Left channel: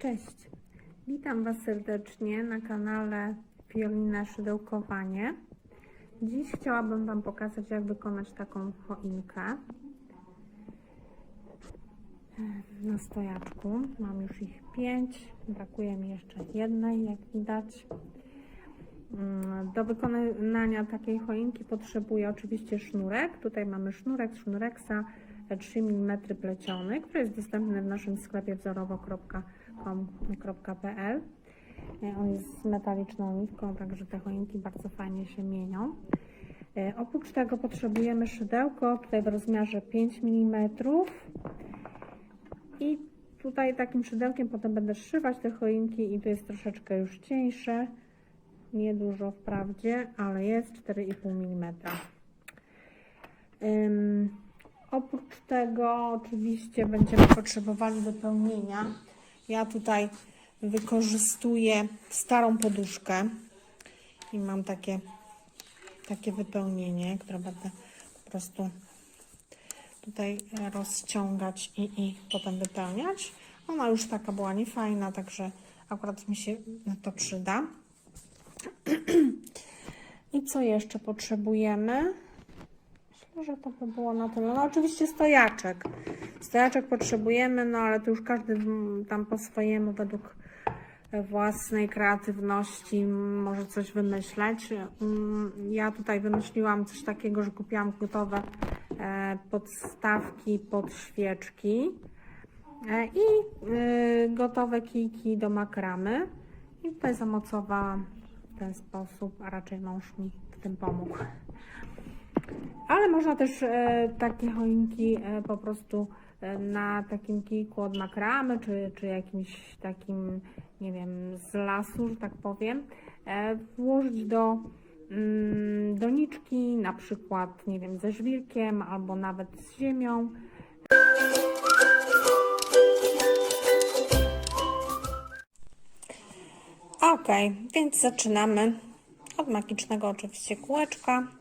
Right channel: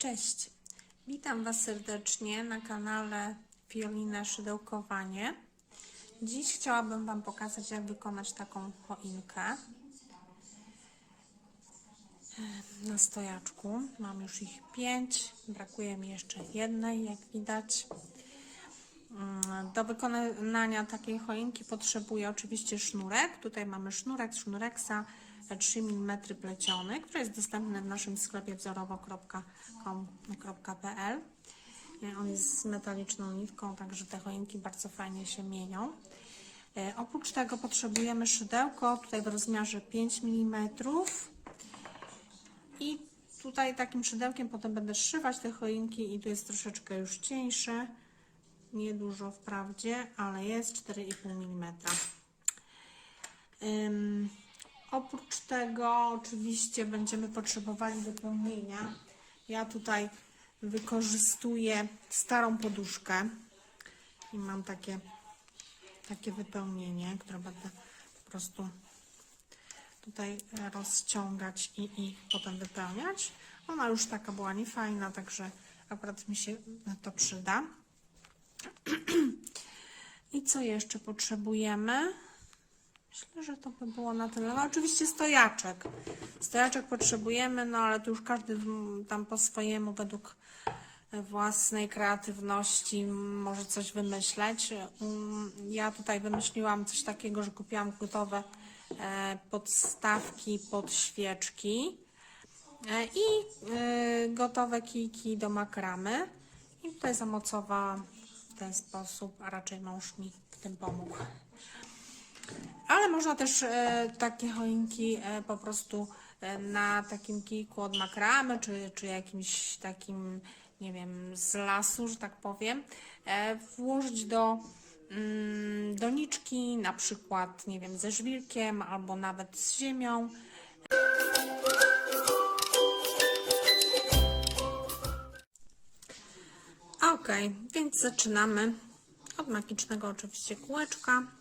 Cześć, witam Was serdecznie na kanale Fiolina Szydełkowanie. Dziś chciałabym Wam pokazać, jak wykonać taką choinkę e, na stojaczku. Mam już ich pięć, brakuje mi jeszcze jednej, jak widać. Mm, Do wykonania takiej choinki potrzebuję oczywiście sznurek. Tutaj mamy sznurek sznureksa 3 mm pleciony, który jest dostępny w naszym sklepie wzorowo.com.pl. On jest z metaliczną nitką, także te choinki bardzo fajnie się mienią. E, Oprócz tego potrzebujemy szydełko, tutaj w rozmiarze 5 mm. I tutaj takim szydełkiem potem będę szywać te choinki i tu jest troszeczkę już cieńsze. Niedużo wprawdzie, ale jest 4,5 mm. Oprócz tego oczywiście będziemy potrzebowali wypełnienia. Ja tutaj wykorzystuję starą poduszkę i mam takie, takie wypełnienie, które będę po prostu tutaj rozciągać i, i potem wypełniać. Ona już taka była niefajna, także akurat mi się to przyda. I co jeszcze potrzebujemy? Myślę, że to by było na tyle. No oczywiście stojaczek. Stojaczek potrzebujemy, no ale tu już każdy tam po swojemu, według własnej kreatywności może coś wymyśleć. Mm, Ja tutaj wymyśliłam coś takiego, że kupiłam gotowe e, podstawki pod świeczki e, i e, gotowe kijki do makramy. I tutaj zamocowałam w ten sposób, a raczej mąż mi w tym pomógł. Ale można też e, takie choinki e, po prostu e, na takim kijku od makramy, czy, czy jakimś takim, nie wiem, z lasu, że tak powiem, włożyć do mm, doniczki, na przykład, nie wiem, ze żwirkiem albo nawet z ziemią. Ok, więc zaczynamy od magicznego oczywiście kółeczka.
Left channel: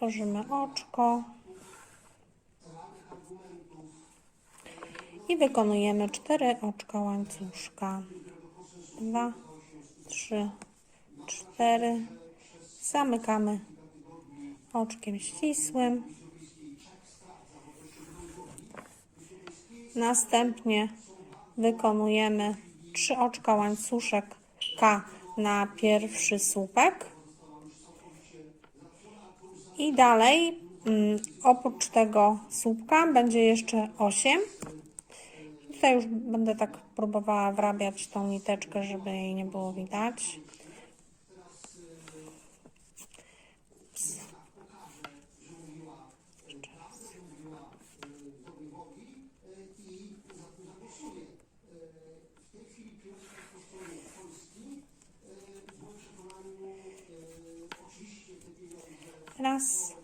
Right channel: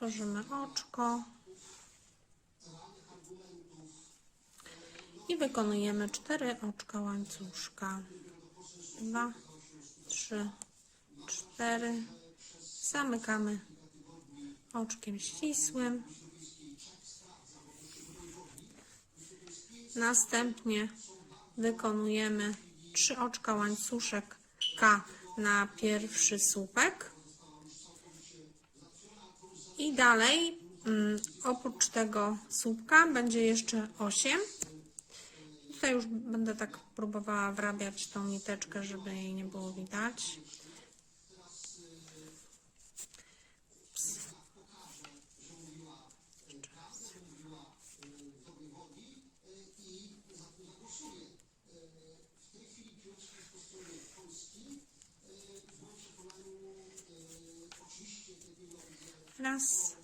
Tworzymy oczko. I wykonujemy cztery oczka łańcuszka. Dwa, trzy, cztery. Zamykamy oczkiem ścisłym. Następnie wykonujemy trzy oczka łańcuszek K na pierwszy słupek. I dalej, mm, oprócz tego słupka, będzie jeszcze 8. Tutaj już będę tak próbowała wrabiać tą niteczkę, żeby jej nie było widać. Raz.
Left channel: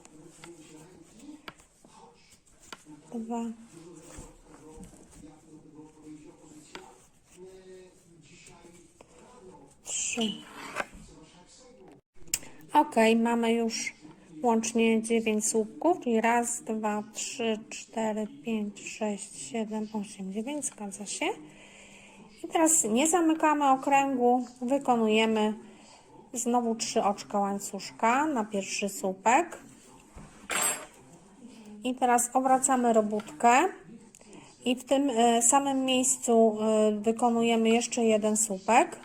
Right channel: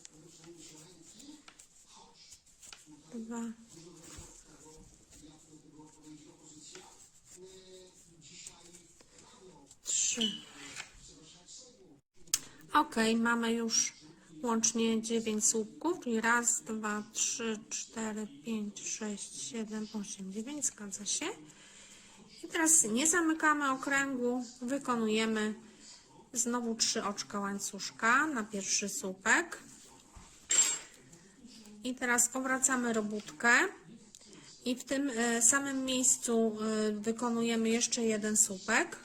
Dwa. Trzy. Ok, mamy już łącznie 9 słupków, czyli raz, dwa, trzy, cztery, pięć, sześć, siedem, osiem, dziewięć, zgadza się. I teraz nie zamykamy okręgu, wykonujemy znowu trzy oczka łańcuszka na pierwszy słupek. I teraz obracamy robótkę i w tym e, samym miejscu e, wykonujemy jeszcze jeden słupek.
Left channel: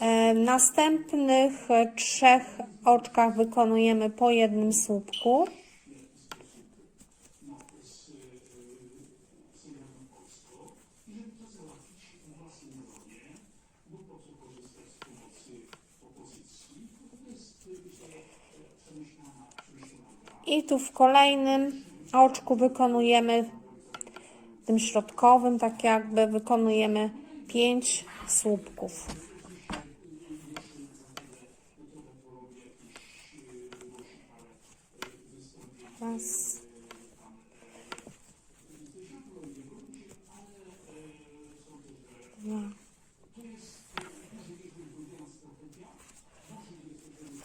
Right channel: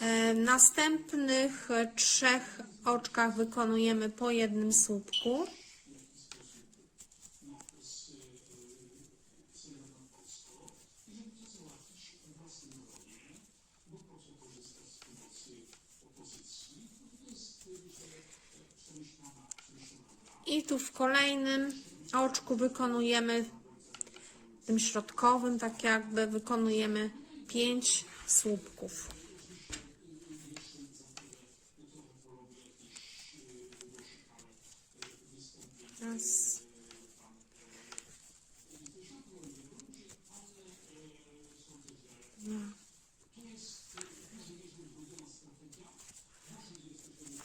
E, W następnych trzech oczkach wykonujemy po jednym słupku. I tu w kolejnym oczku wykonujemy, tym środkowym, tak jakby wykonujemy 5 słupków. Raz. Dwa.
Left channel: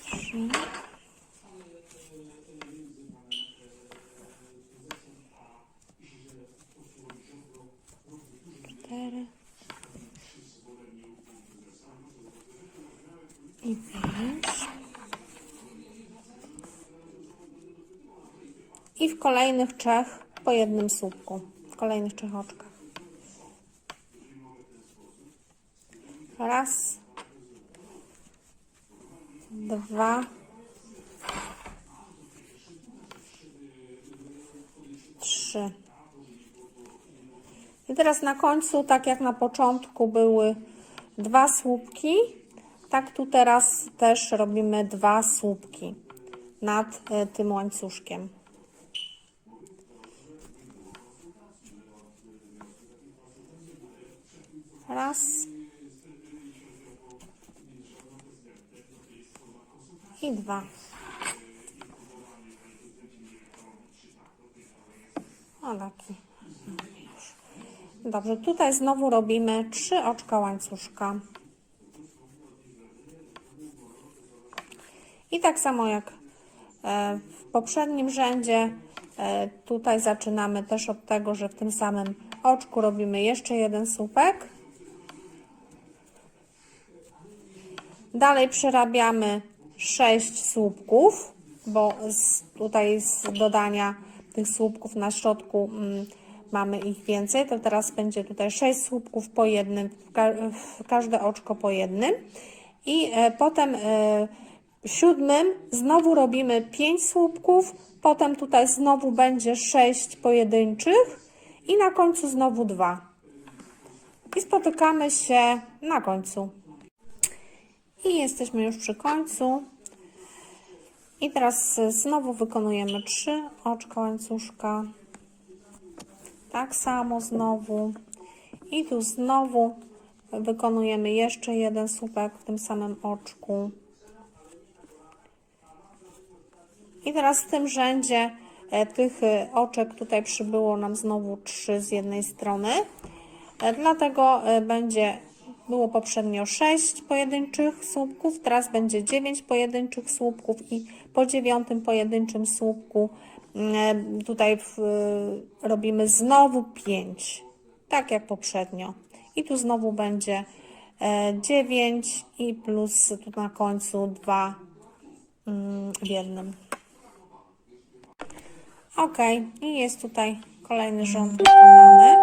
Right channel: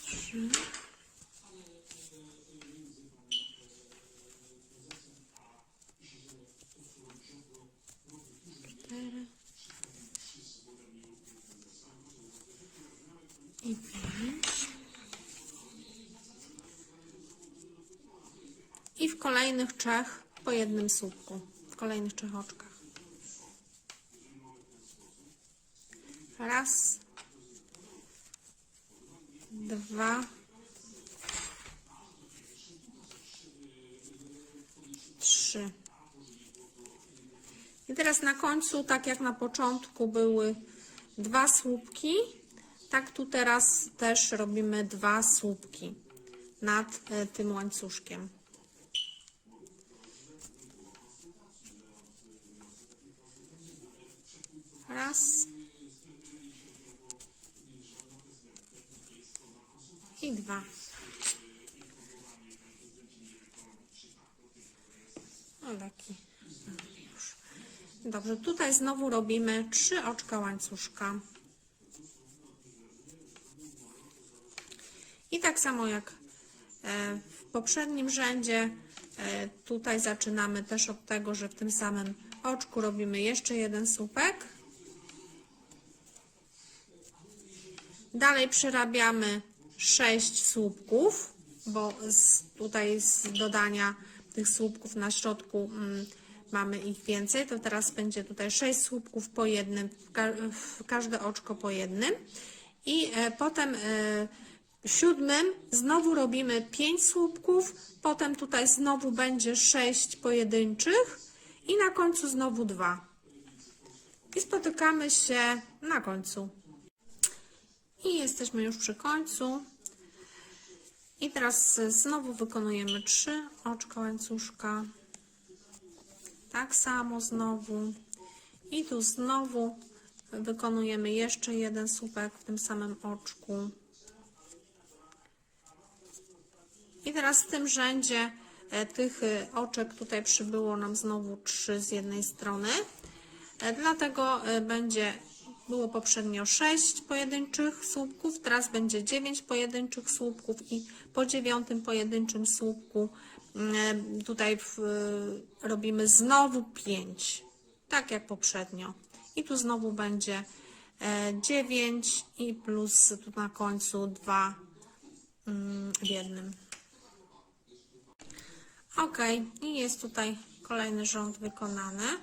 Trzy. cztery i. I w kolejnych trzech po jednym słupku. W kolejnych trzech oczkach. Raz, dwa, trzy. I teraz na końcu, tak jak na początku były dwa słupki, tak tu teraz też robimy dwa słupki nad e, tym łańcuszkiem. Raz. I dwa. O, taki. Dobrze, tutaj znowu robimy trzy oczka łańcuszka. I tak samo jak e, w poprzednim rzędzie, e, tutaj zaczynamy też od tego, że w tym samym oczku robimy jeszcze jeden słupek. Dalej przerabiamy 6 słupków, bo z, tutaj z dodania tych słupków na środku mm, mamy ich więcej, to teraz będzie tutaj 6 słupków po jednym, w, ka w każde oczko po jednym. I e, potem e, siódmym znowu robimy 5 słupków, potem tutaj znowu będzie 6 pojedynczych i na końcu znowu 2. I spotykamy się na końcu. I jesteśmy już przy końcu. I teraz znowu wykonujemy trzy oczka łańcuszka. Tak samo znowu. I tu znowu wykonujemy jeszcze jeden słupek w tym samym oczku. I teraz w tym rzędzie e, tych e, oczek tutaj przybyło nam znowu trzy z jednej strony. E, Dlatego będzie było poprzednio 6 pojedynczych słupków, teraz będzie 9 pojedynczych słupków i po dziewiątym pojedynczym słupku mm, tutaj w, robimy znowu 5, tak jak poprzednio. I tu znowu będzie e, 9 i plus tu na końcu 2 mm, w jednym. Ok, i jest tutaj kolejny rząd wykonany,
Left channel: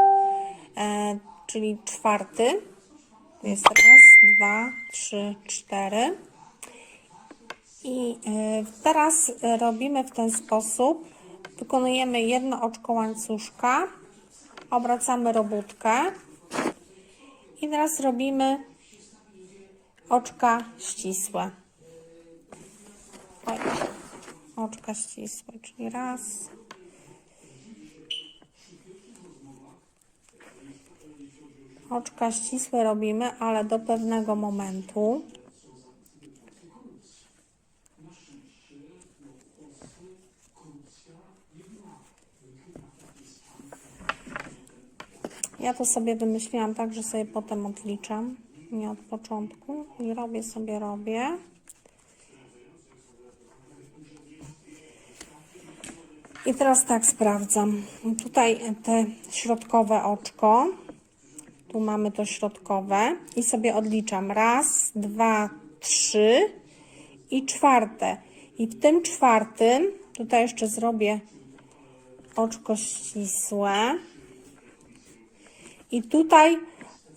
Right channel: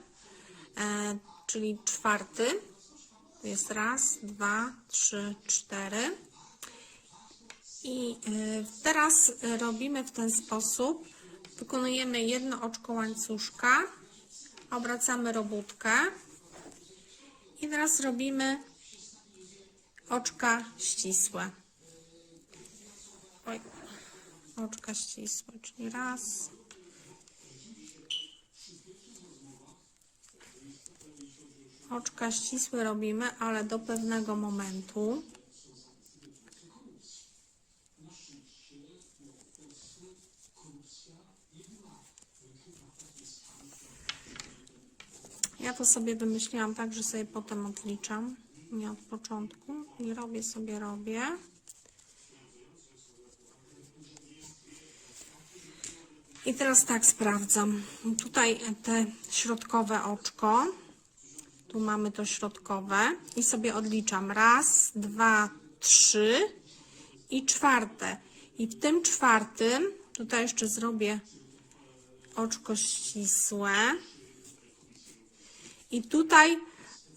e, czyli czwarty. Jest raz, dwa, trzy, cztery. I e, teraz robimy w ten sposób. Wykonujemy jedno oczko łańcuszka, obracamy robótkę i teraz robimy oczka ścisłe. Oj, oczka ścisłe, czyli raz, Oczka ścisłe robimy, ale do pewnego momentu. Ja to sobie wymyśliłam tak, że sobie potem odliczam, nie od początku i robię sobie, robię. I teraz tak sprawdzam. Tutaj te środkowe oczko. Tu mamy to środkowe i sobie odliczam. Raz, dwa, trzy i czwarte. I w tym czwartym, tutaj jeszcze zrobię oczko ścisłe. I tutaj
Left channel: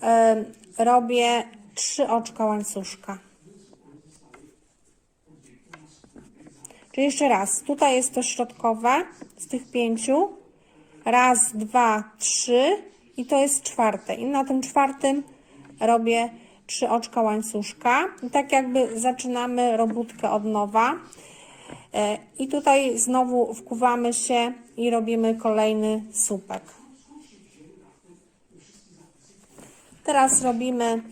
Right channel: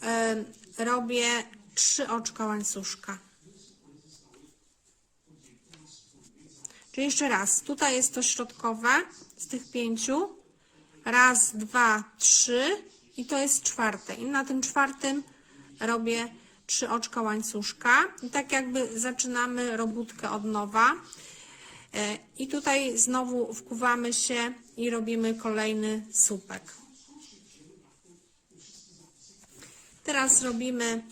e, robię trzy oczka łańcuszka. Czyli jeszcze raz, tutaj jest to środkowe z tych pięciu. Raz, dwa, trzy i to jest czwarte. I na tym czwartym robię trzy oczka łańcuszka. I tak jakby zaczynamy robótkę od nowa. E, I tutaj znowu wkuwamy się i robimy kolejny słupek. Teraz robimy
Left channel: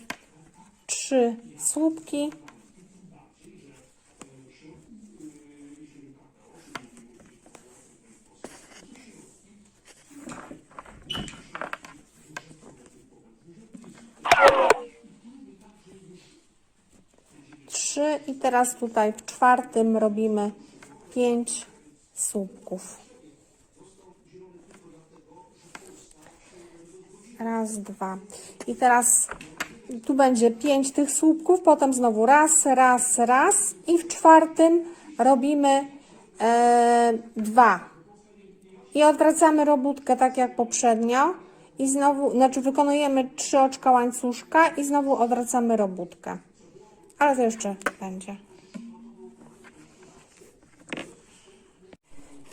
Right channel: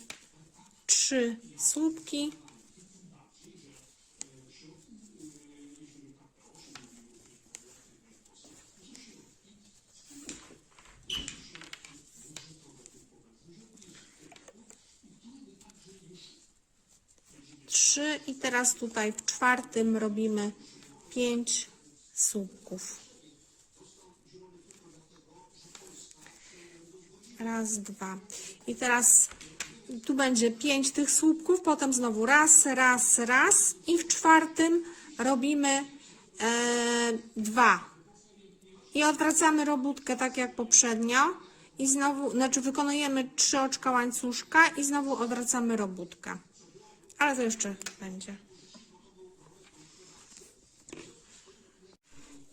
trzy słupki. Trzy i teraz tutaj w czwartym robimy pięć słupków. raz, dwa. I teraz tu będzie pięć tych słupków, potem znowu raz, raz, raz i w czwartym robimy e, dwa. I odwracamy robótkę tak jak poprzednio i znowu, znaczy wykonujemy trzy oczka łańcuszka i znowu odwracamy robótkę. Ale to jeszcze będzie.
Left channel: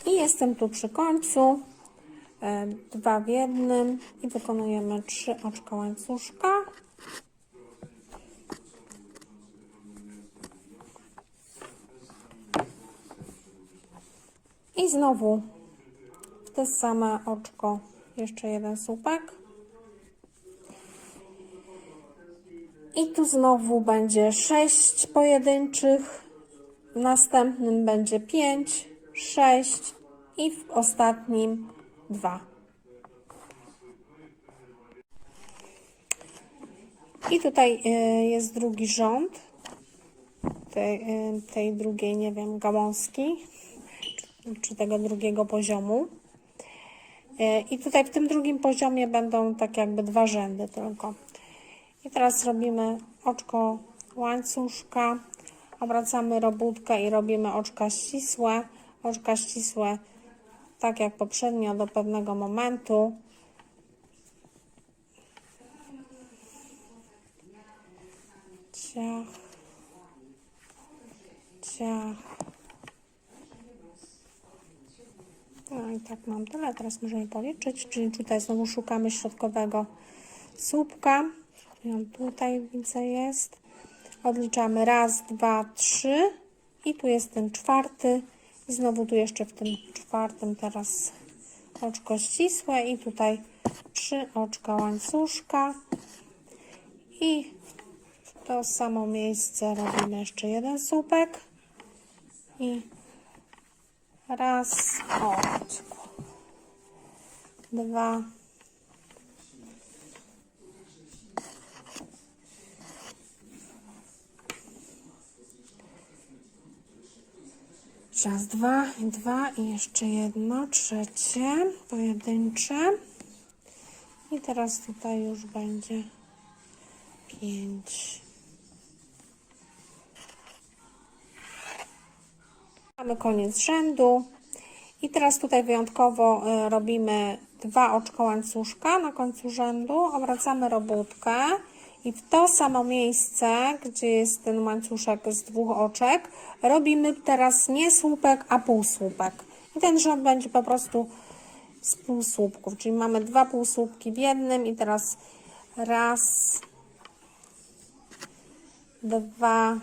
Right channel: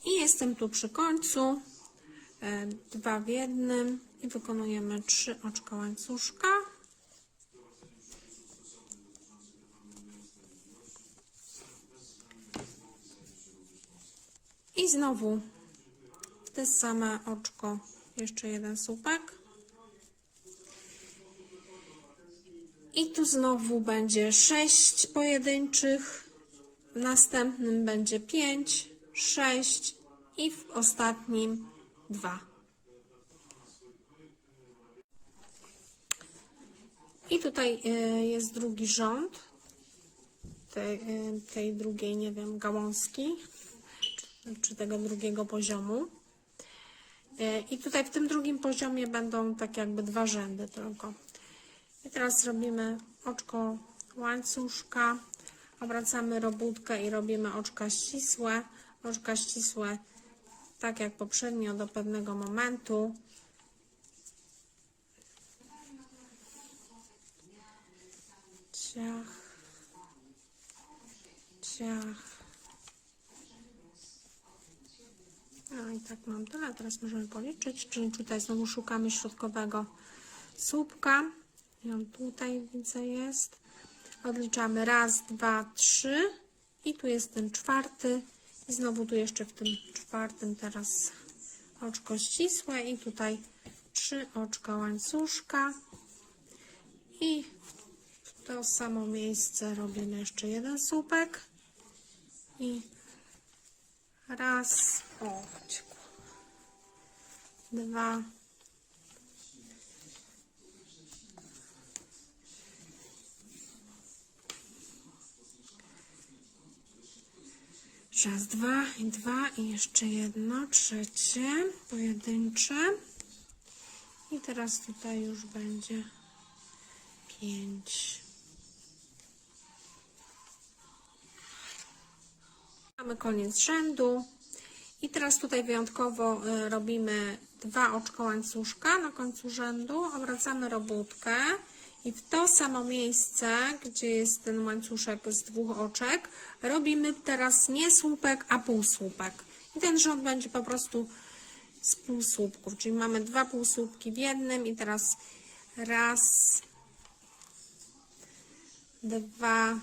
I jestem tu przy końcu. E, Dwa w jednym i wykonujemy trzy oczka łańcuszka. I znowu w te same oczko jeszcze jeden słupek. I tu znowu będzie sześć pojedynczych, w następnym będzie pięć, sześć i w ostatnim dwa. I tutaj y, jest drugi rząd tej, y, tej drugiej, nie wiem, gałązki, czy, czy tego drugiego poziomu. Y, I tutaj w tym drugim poziomie będą tak jakby dwa rzędy tylko. I teraz robimy oczko łańcuszka, obracamy robótkę i robimy oczka ścisłe. Oczka ścisłe, tak jak poprzednio, do pewnego momentu. Ciach, ciach. No i tak mam tyle. Teraz możemy policzyć, czyli tutaj znowu szukamy środkowego słupka. I on tutaj widzę jest. Odliczamy raz, dwa, trzy i tu jest ten czwarty. I znowu tu jeszcze w tym czwartym teraz oczko ścisłe i tutaj trzy oczka łańcuszka. I w to samo miejsce robimy jeszcze jeden słupek. I raz, o, uciekło. Dwa, Raz, dwa i dwa i jeszcze jedno, trzecie, pojedyncze. I teraz tutaj już będzie pięć. Mamy koniec rzędu. I teraz tutaj wyjątkowo y, robimy dwa oczka łańcuszka na końcu rzędu, obracamy robótkę i w to samo miejsce, gdzie jest ten łańcuszek z dwóch oczek, robimy teraz nie słupek, a półsłupek. I ten rząd będzie po prostu z półsłupków, czyli mamy dwa półsłupki w jednym i teraz raz, dwa,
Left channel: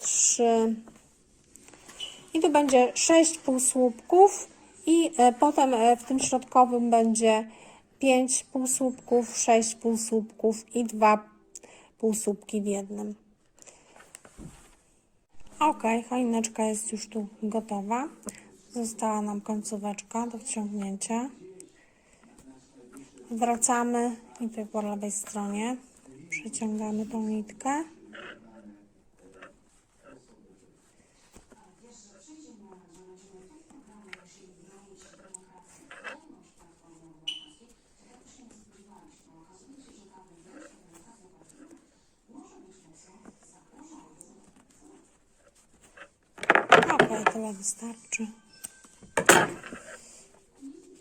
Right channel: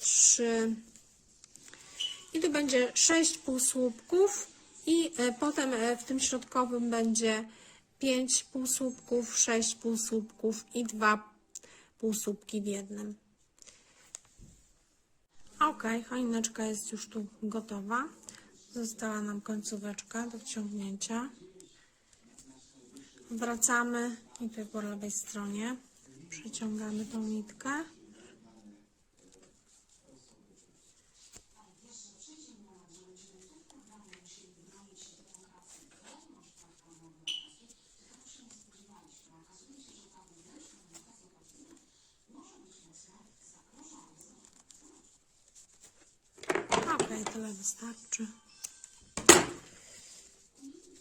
trzy, i tu będzie 6 półsłupków i e, potem e, w tym środkowym będzie 5 półsłupków, 6 półsłupków i 2 półsłupki w jednym. Ok, choineczka jest już tu gotowa. Została nam końcóweczka do wciągnięcia. Wracamy i tutaj po lewej stronie przeciągamy tą nitkę. Tyle wystarczy.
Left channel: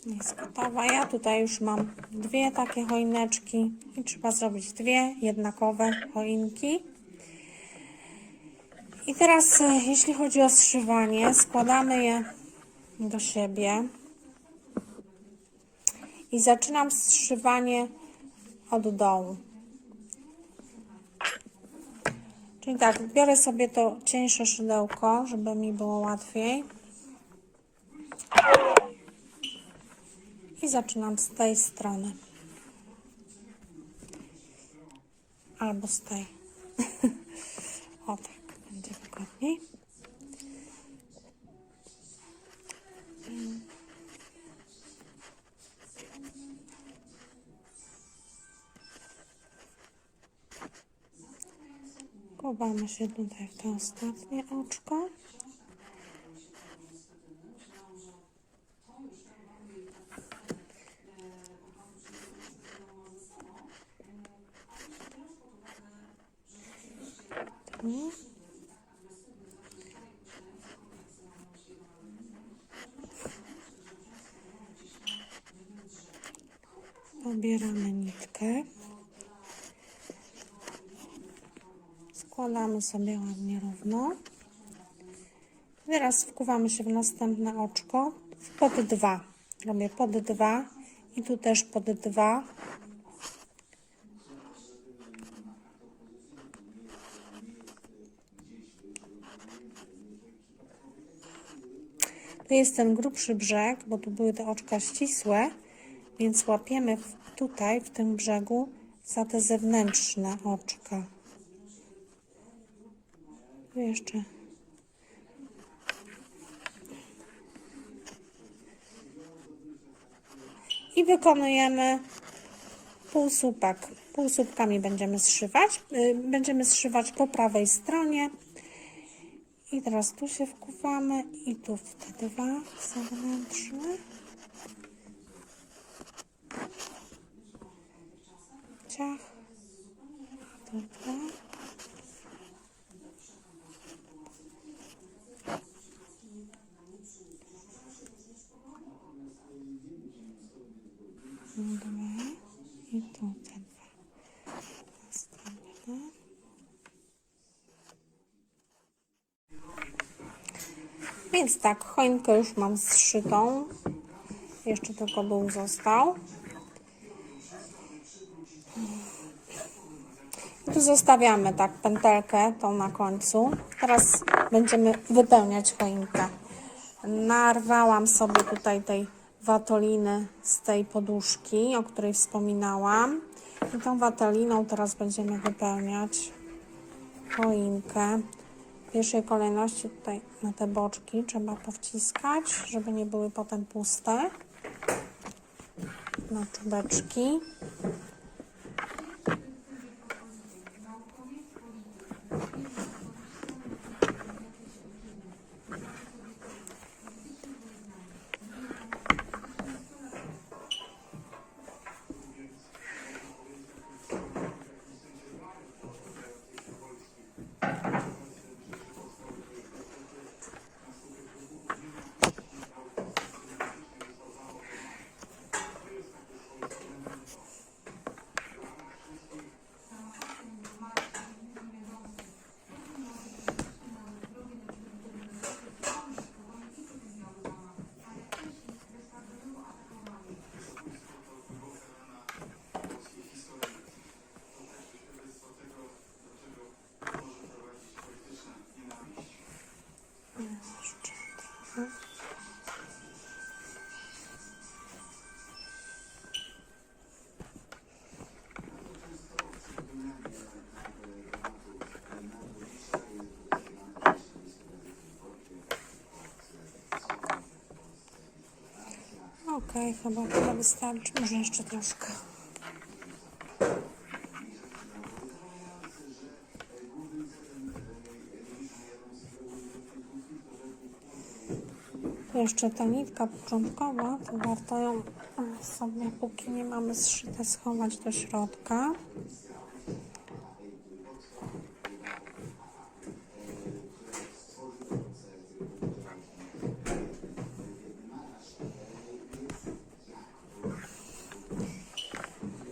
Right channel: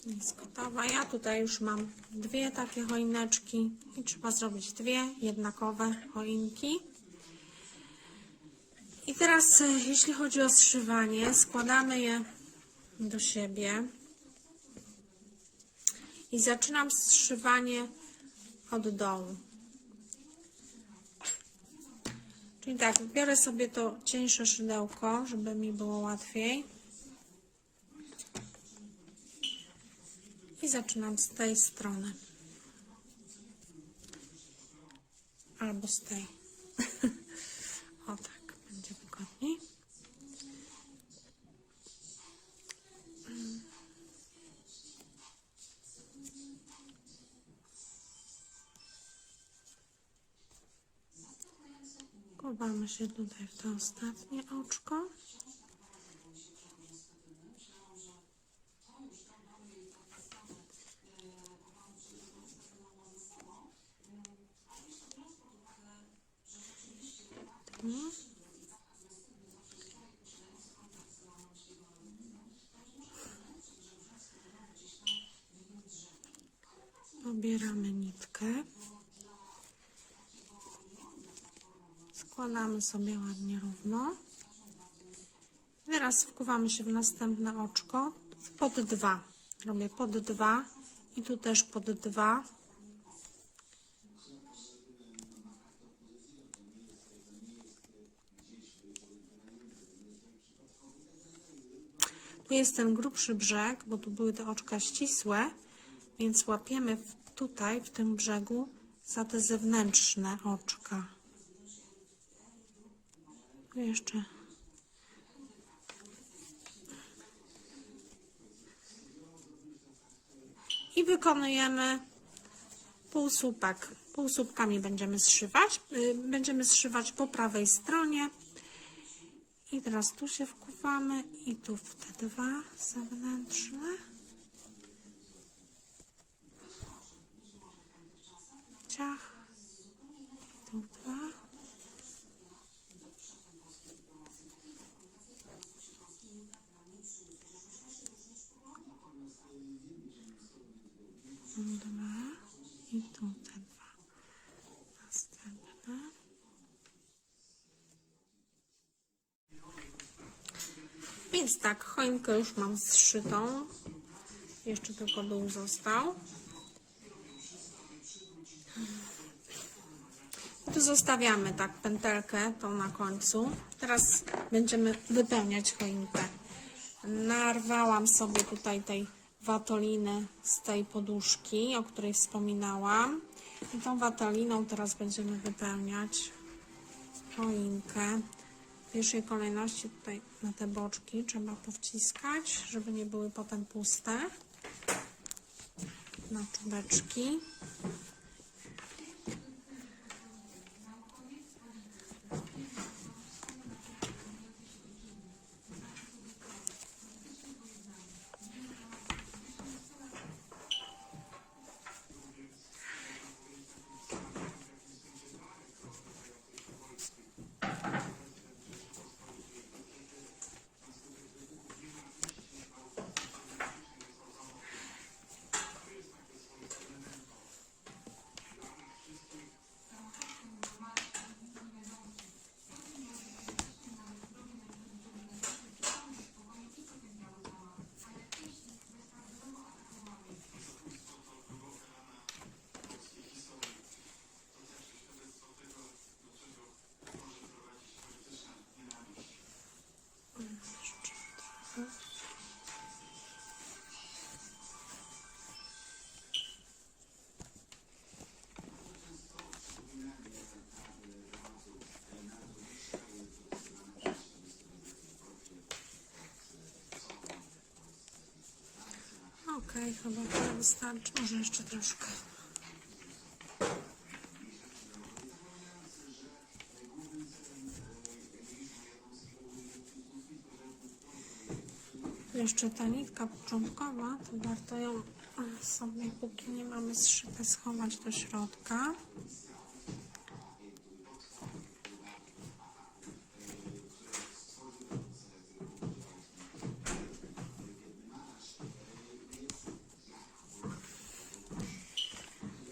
Jest gotowa. Ja tutaj już mam dwie takie choineczki i trzeba zrobić dwie jednakowe choinki. I teraz, e, jeśli chodzi o zszywanie, składamy je do siebie. I zaczynam zszywanie od dołu. Czyli tak, biorę sobie to cieńsze szydełko, żeby mi było łatwiej. I zaczynam z tej strony. Albo z tej. Chowamy się tutaj w to ostatnie oczko. Pobieramy nitkę. Składamy sobie ładnie równo. Teraz wkuwamy się w następne oczko pod dwa. Robię pod dwa i tu też pod dwa. Tu jest ten grubszy brzeg, bo tu były te oczka ścisłe, więc łapiemy tutaj, w tym brzegu, za te zewnętrzne oczka. Jeszcze. I wykonujemy półsłupek. Półsłupkami będziemy zszywać. y, Będziemy zszywać po prawej stronie. I teraz tu się wkuwamy i tu w te dwa zewnętrzne. Ciach. A tu dwa. Dwa. I tu te dwa. Następne. Więc tak, choinkę już mam zszytą. Jeszcze tylko dół został. I tu zostawiamy tak pętelkę tą na końcu. Teraz będziemy wypełniać choinkę. Narwałam sobie tutaj tej watoliny z tej poduszki, o której wspominałam. I tą watoliną teraz będziemy wypełniać choinkę. W pierwszej kolejności tutaj na te boczki trzeba powciskać, żeby nie były potem puste. Na czubeczki. Okej, chyba tyle wystarczy. Może jeszcze troszkę. Jeszcze ta nitka początkowa, to warto ją e, sobie, póki nie mamy zszyte, schować do środka.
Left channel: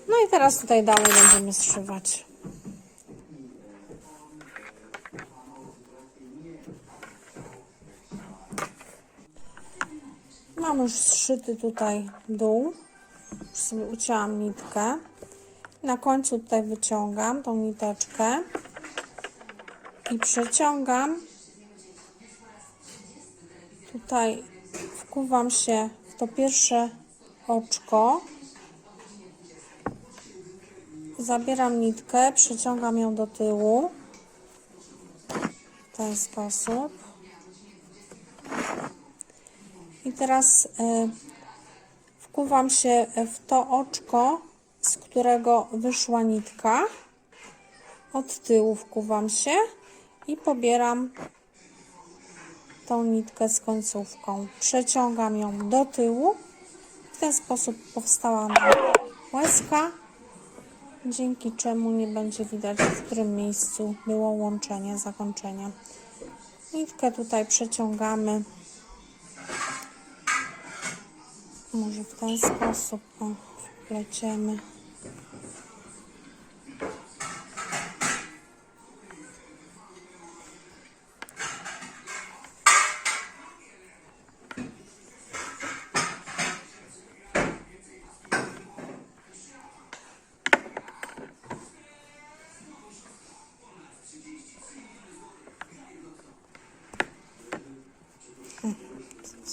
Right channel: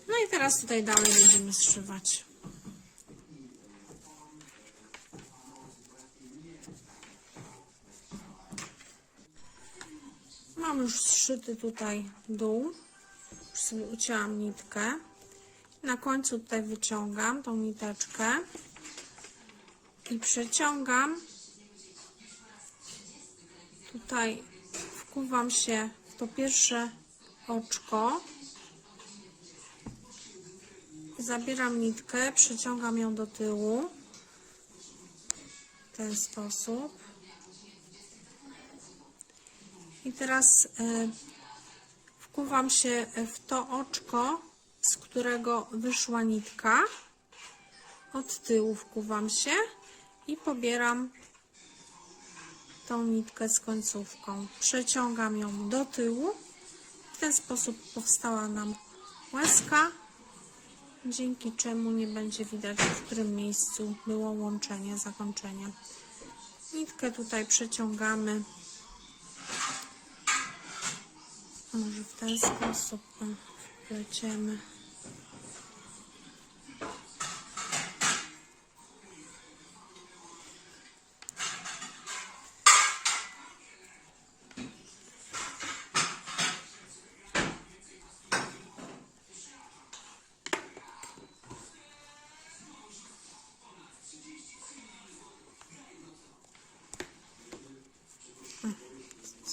No i teraz tutaj dalej będziemy zszywać. Mam już zszyty tutaj dół. Już sobie ucięłam nitkę. Na końcu tutaj wyciągam tą niteczkę i przeciągam. Tutaj wkuwam się w to pierwsze oczko. Zabieram nitkę, przeciągam ją do tyłu w ten sposób. I teraz y, wkuwam się w to oczko, z którego wyszła nitka. Od tyłu wkuwam się i pobieram tą nitkę z końcówką. Przeciągam ją do tyłu. W ten sposób powstała nam łezka dzięki czemu nie będzie widać, w którym miejscu było łączenie, zakończenie. Nitkę tutaj przeciągamy. Może w ten sposób. O. pleciemy.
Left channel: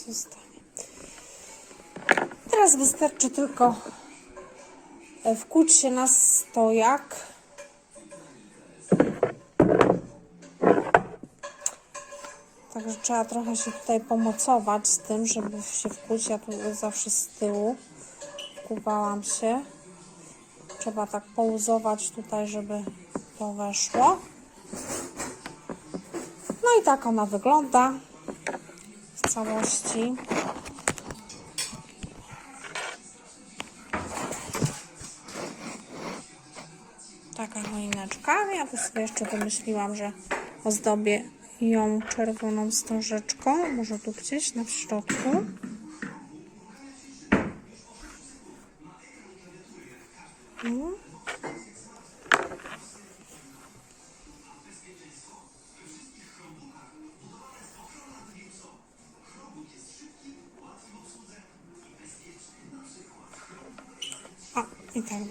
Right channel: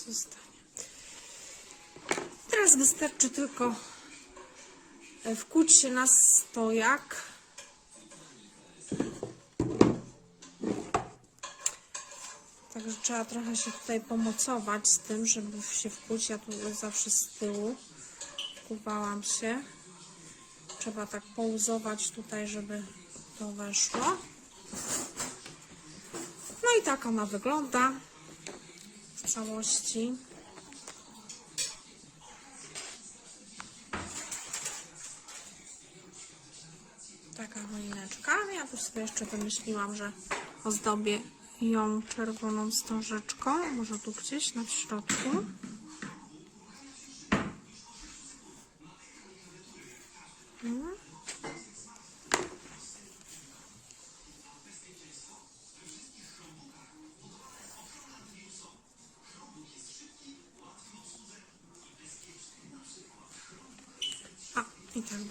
Zostanie. Teraz wystarczy tylko e, wkuć się na stojak. Także trzeba trochę się tutaj pomocować z tym, żeby się wkuć. Ja tu zawsze z tyłu wkuwałam się. Trzeba tak pouzować tutaj, żeby to weszło. No i tak ona wygląda całości. Taka choineczka. Ja tu sobie jeszcze wymyśliłam, że ozdobię ją czerwoną wstążeczką. Może tu gdzieś na środku.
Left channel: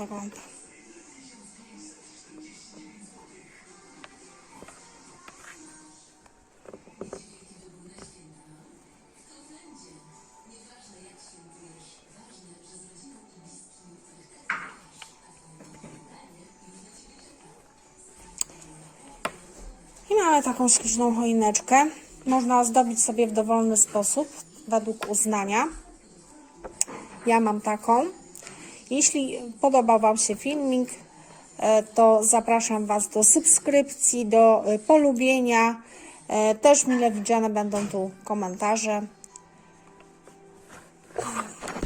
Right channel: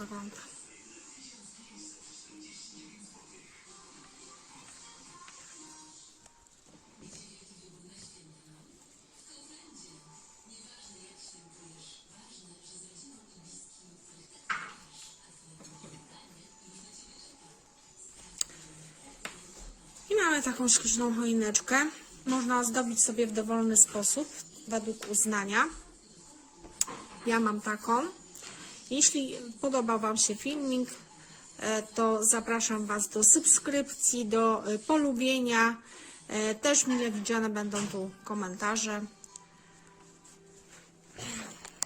I mamy taką śliczną choineczkę. Można ozdobić sobie w dowolny sposób, według uznania. Ja mam taką. Jeśli podobał Wam się filmik, e, to zapraszam Was do subskrypcji, do e, polubienia. E, Też mile widziane będą tu komentarze.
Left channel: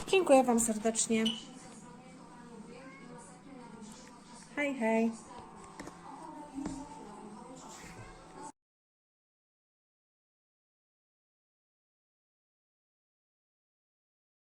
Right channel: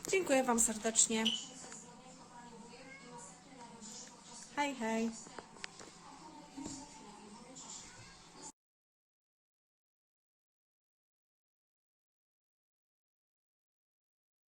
Dziękuję Wam serdecznie. Hej, hej.